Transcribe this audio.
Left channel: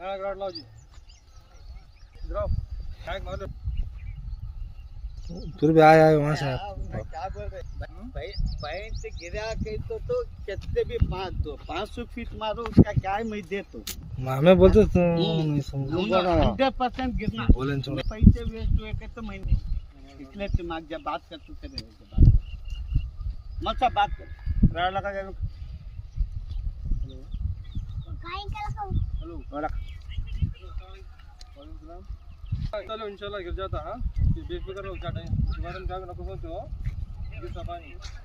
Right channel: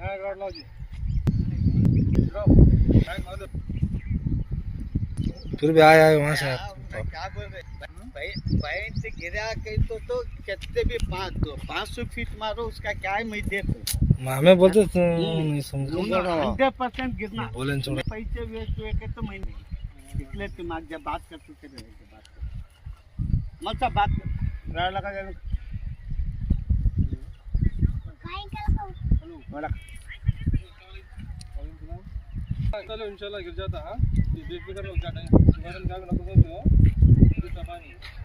हाँ गाड़ लाओ जी गिराओ टाइम मार दो फिर भी आए वहाँ से आप क्या बोल रहे भाई से गिरा कहीं तो कितने भी 500 फीट मारो उसका क्या है मैं दे तो हमें बोलते तो नहीं समझ 100% गिरना बोले छोड़ पैसे वेस्ट हुए के तो मैं नहीं इसलिए दिमाग जब बात करते थे बात मत सब बात कर गाड़ लगा जाए हेलो बड़ा चलो इंशाल्लाह गिर जाता हाँ बेफिक्र रहो क्या टाइम दोबारा क्या नको सोचो पानी